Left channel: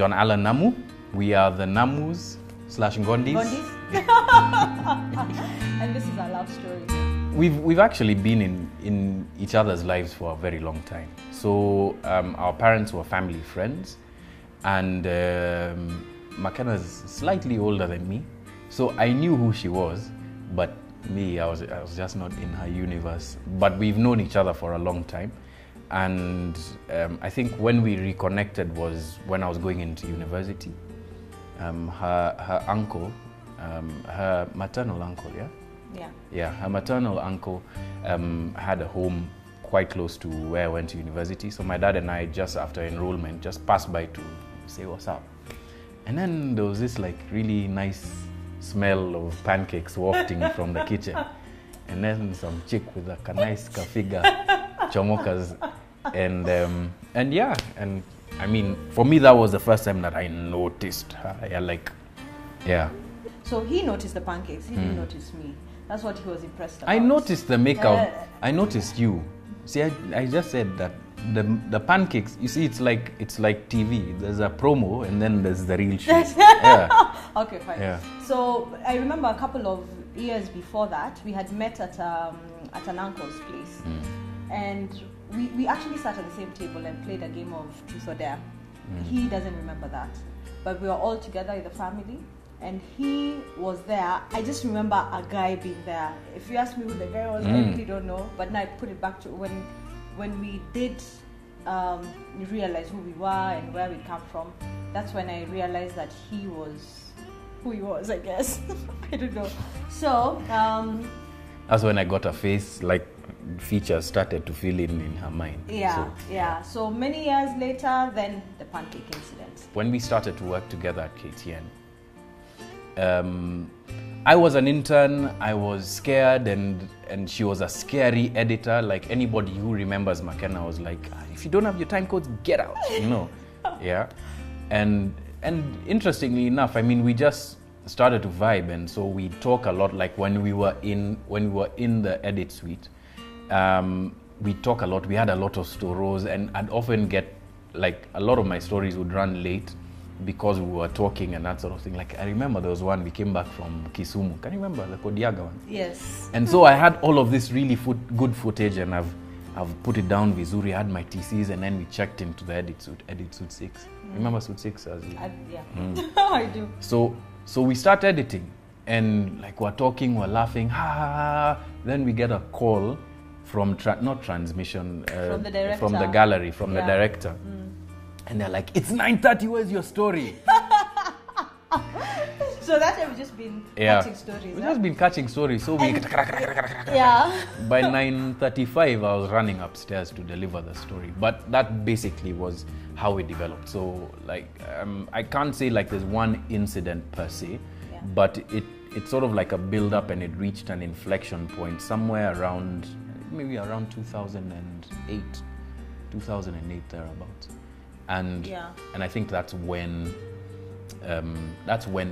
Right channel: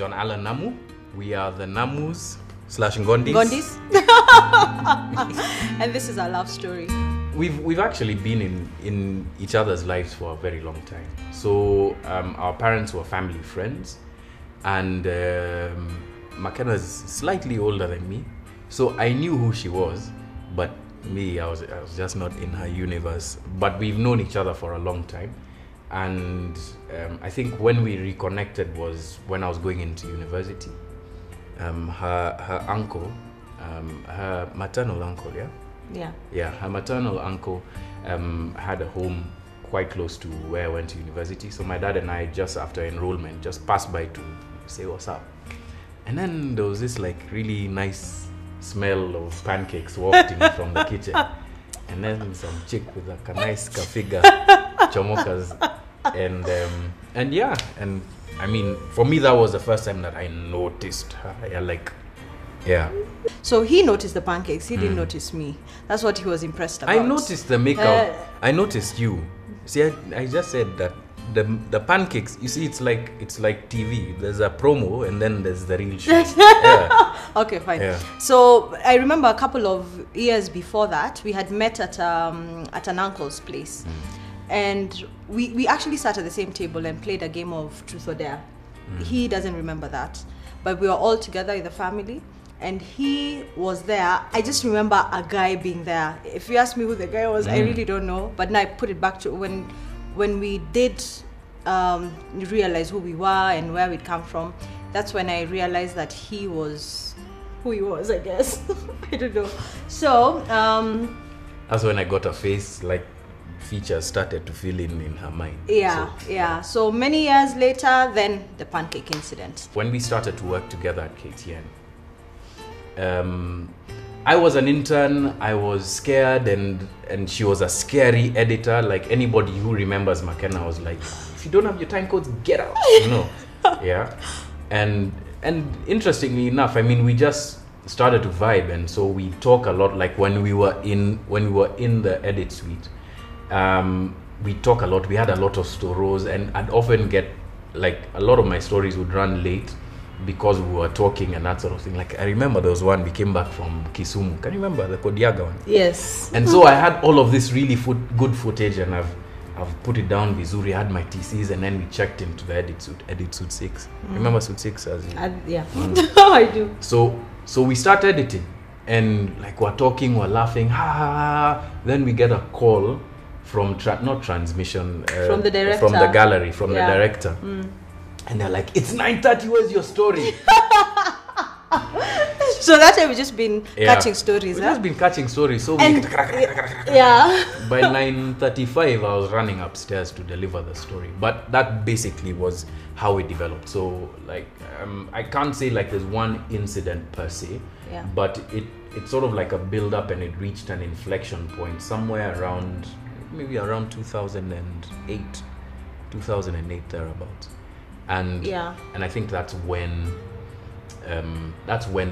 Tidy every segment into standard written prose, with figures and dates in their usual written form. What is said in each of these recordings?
John Allen Namu. We are the Namus / Ngondis. Ngondis. And this is our love story. We've actually been in each other's lives for a very long time. So our parents were family friends, and McKenna is slightly older than me, so I knew who she was, but me, I was just not in her universe. But we've known each other for a long time, and I think when we reconnected was when I was going into university. Her uncle, her maternal uncle, her maternal uncle had a home quite close to where I went to university. So my dad and I, just after enrollment, just passed by to say what's up. And then there was this like really nice smell of pancakes wafting from the kitchen. And then some chick with a nice figure chomokas. And I mean, for me, that was the first time that I noticed her. So he noticed the pancakes. He didn't notice me. That's what he was impressed about. I noticed the makeup. I noticed you. See, I just said that the pancakes. You see, it's like TV. There's a promo, and then there's the real shit. Okay, fine. Yeah. So I remember a couple of years before that, we had met at an uncle's place, and we actually sat at the same table and played a game of Truth or Dare. He doesn't remember that, but we were all together in the family, and he was there. I just remember a guy being there. If you ask me who the guy was, I really don't know. But now I put it back to when we did realize who we were and where we'd come from. That's when I realized that he was who he was, I guess. I don't know. So that's when I got a face, like features started to fill in her mind. So many years later, then the pancake incident. When we started to work together at KTN, I was an intern. I was scared, and she was a scary editor. Like anybody who remembers McKenna was like, if you don't have your time codes, get out. And interestingly enough, I mean, we just started to vibe, and so we talk a lot. Like when we were in the edit suite, we talk a lot. We had a lot of stories, and I'd often get like a lot of my stories would run late because we were talking and that sort of thing. Like I remember there was one, we came back from Kisumu. Can you remember the Kodiaga one? Yes. And so I had all of this really good footage, and I've put it down vizuri. I had my TCs, and then we checked into the edit suite 6. Remember suite 6? Yeah. I do. So we start editing, and like we're talking, we're laughing, then we get a call from not transmission, from the director, from the gallery, from the director, and they're like, "It's 9:30. Where's your story?" So that time we've just been catching stories. We've just been catching stories. So by 9:35, I was running upstairs to deliver the story. But that basically was how it developed. So like, I can't say like there's one incident per se, but it's sort of like a build up, and it reached an inflection point somewhere around. Maybe around 2008 thereabouts, and I think that's when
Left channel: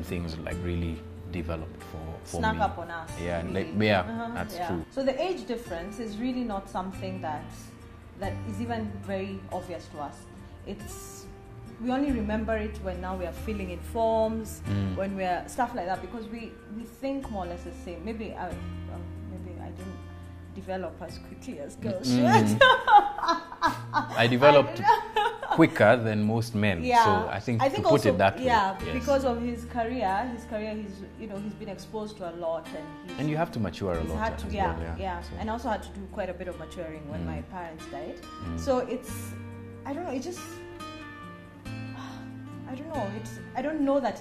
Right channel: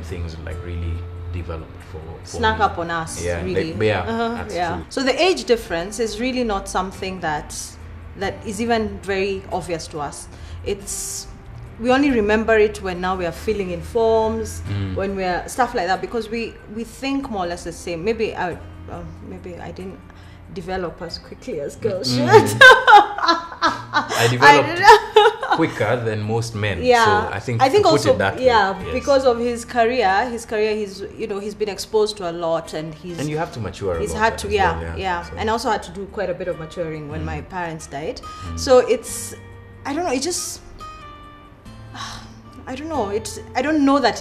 things like really developed for snuck me. up on us. Really. That's true. So the age difference is really not something that is even very obvious to us. We only remember it when now we are filling in forms, when we are stuff like that, because we think more or less the same. Maybe I didn't develop as quickly as girls should. I developed quicker than most men. So I think to also, put it that way. Because of his career, he's been exposed to a lot, and you have to mature a lot. He's had to, So. And I also had to do quite a bit of maturing when my parents died. So I don't know. I don't know that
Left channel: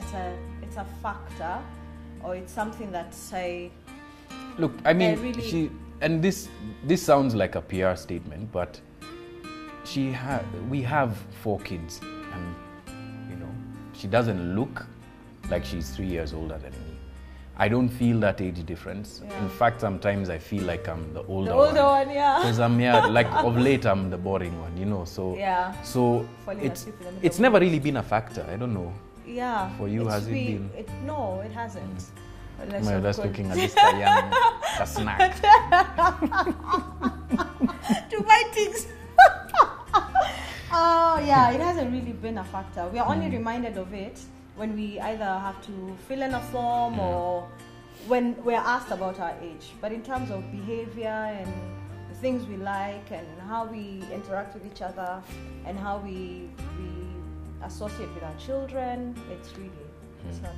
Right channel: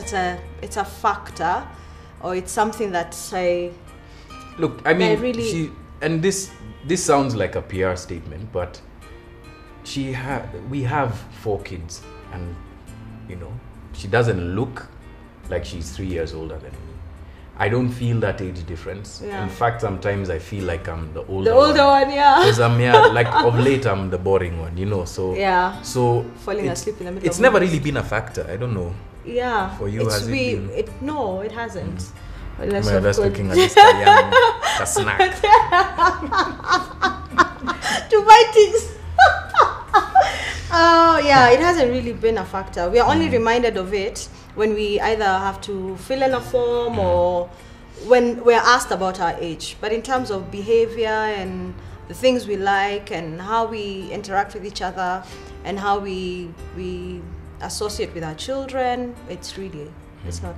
it's a factor, or it's something that look. I mean, and this sounds like a PR statement, but we have 4 kids, and she doesn't look like she's 3 years older than me. I don't feel that age difference. In fact, sometimes I feel like I'm the older one. Because I'm like of late I'm the boring one, So So falling asleep in the middle. It's never really been a factor. I don't know. For you, has it been? No, it hasn't. Unless you're just looking at this young a snack. To buy things. Oh yeah, it hasn't really been a factor. We are only reminded of it when we either have to fill in a form or when we're asked about our age. But in terms of behavior and the things we like and how we interact with each other and how we associate with our children, it's not.